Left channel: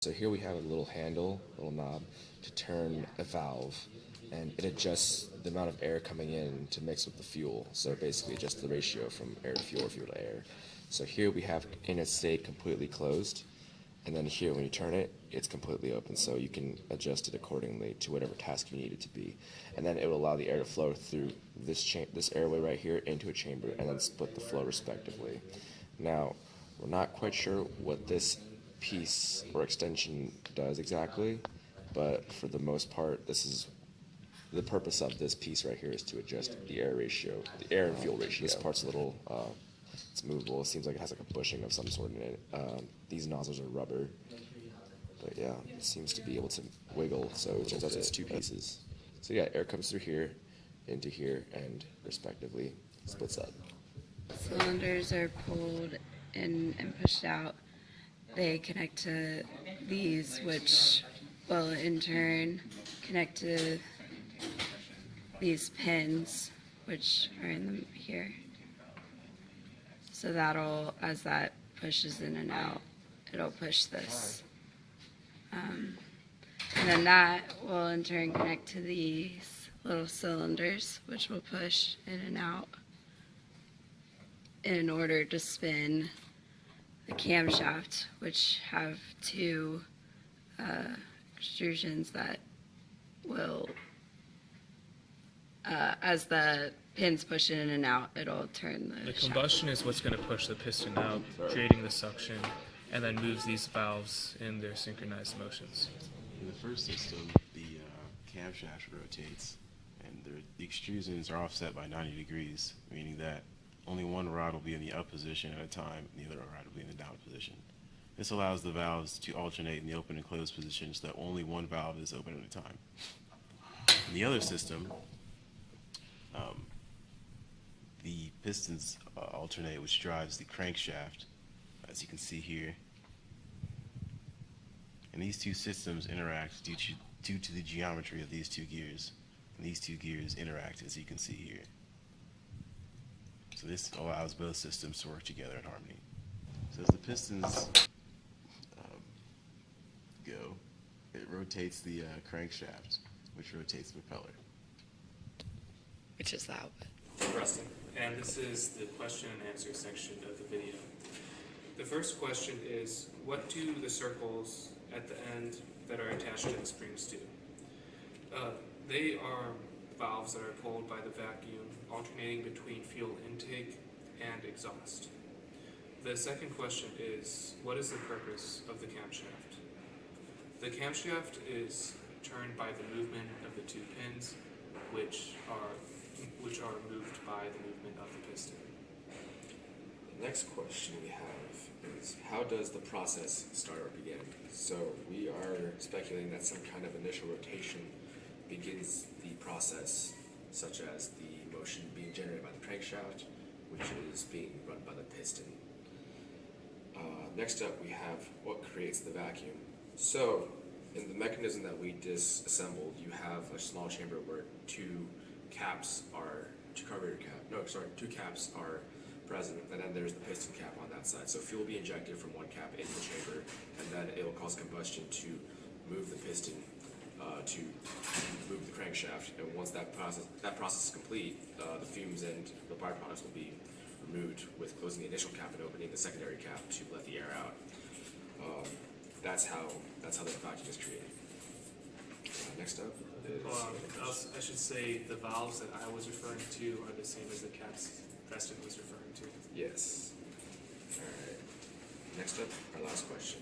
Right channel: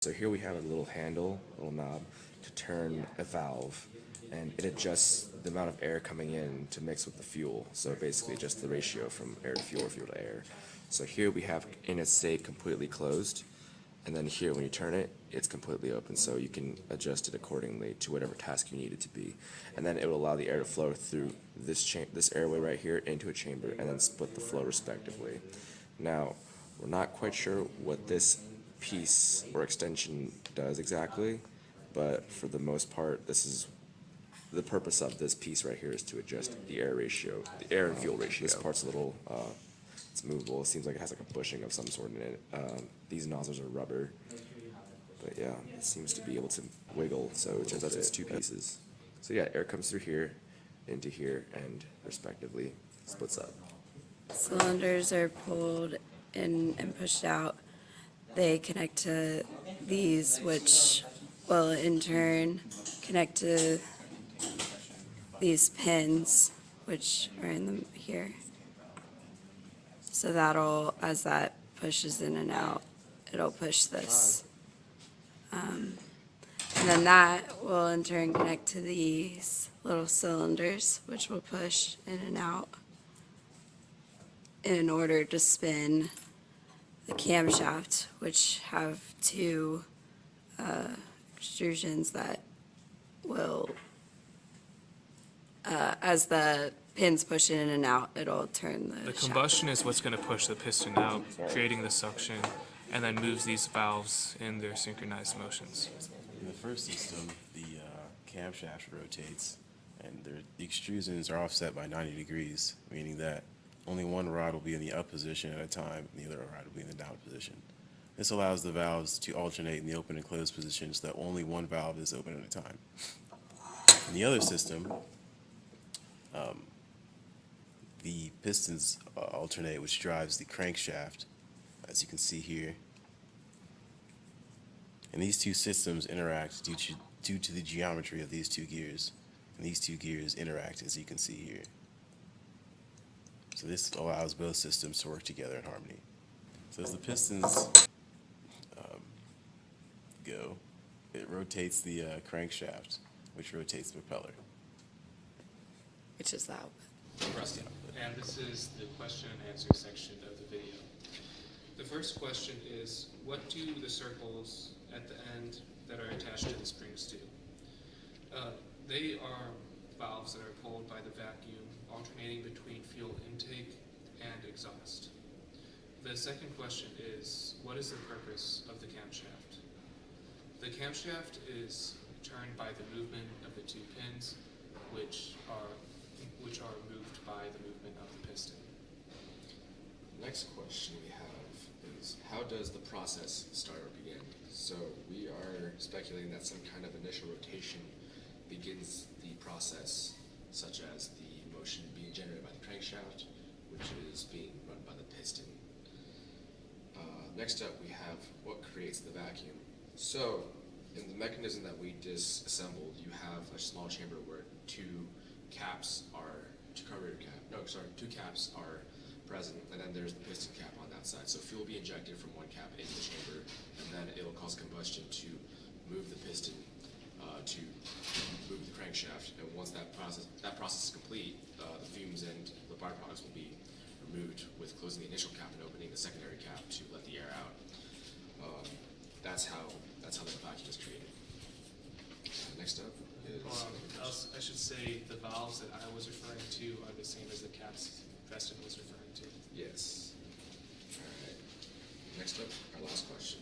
So here we have a little handle, a little knob, to turn a valve, and it adjusts the amount of air coming in to mix with the fuel. So basically just the ratio from air to fuel, fuel to air. So here we have in its state completely closed, and then here when you turn it, it's completely open, so you can adjust it accordingly to whatever task you need it to be. And then it will allow the air to flow through this airway right here into a chamber, and then split the flow respectively. Now, we're not quite sure what this piece or extension does exactly, but for the most part, this is the purpose of this piece right here is to adjust the air ratio, the air and fuel ratio. This part's a little, it's movable. It seems like it has like a bushing of some sort in it. These nozzles are rubber, but yeah, it seems to be able to wiggle, so it turns out it's two pieces. So yeah, air comes through here, into here, and respectively splits up. Cylinders are pulled in and pushed out. They connect to these, which will in turn connect to these pins, which are in them here. So that'll, as that pushes in and out, it'll push this. And then that will in turn connect to these little cylinders, which will push in and out in order to spin the camshaft, which have two extrusions that will, as the pins push in and out, it'll turn the The shaft. combustion is what's going to push the piston out, creating the suction, and then moves these valves in their synchronized motions. In the first system, the camshaft rotates, and the extrusions are offset by 90 degrees, meaning that only one rod will be in the up position at a time, and the other rod will be in the down position. This allows the valves to alternate in the open and closed positions so that only one valve is open at a time. In the other system, the pistons alternate, which drives the crankshaft, as you can see here. And these two systems interact due to the geometry of these two gears. And these two gears interact, as you can see here. So this allows both systems to work together in harmony. So as the pistons go, it rotates the crankshaft, which rotates the propeller. Which is that. Preston. And this is the question and answer section of the video. The first question is, what do the circles at the end that are attached to the springs do? They are valves that are pulled by the vacuum, alternating between fuel intake and exhaust. The second question is, what is the purpose of the camshaft? The camshaft is turned by the movement of the two pins, which are moved by the movement of the piston. The next question we have is, how does the process start or begin? So we are speculating that some kind of initial rotation begins the process, such as the motion being generated by the crankshaft, which is being run by the piston. Next up, we have what creates the vacuum. So in the mechanism that we disassembled, you have a small chamber where two caps are present, and then there's the piston cap on that side. So fuel will be injected from one cap into the chamber, and then it'll cause combustion to move the piston to move the crankshaft. And once that process is complete, the fumes and the byproducts will be removed with closing the initial cap and opening the secondary cap to let the air out. That's how the vacuum is created. Next up is I should say the valves that I was referring to are the same as the caps Preston was referring to. yes. All right. Next up, our last question.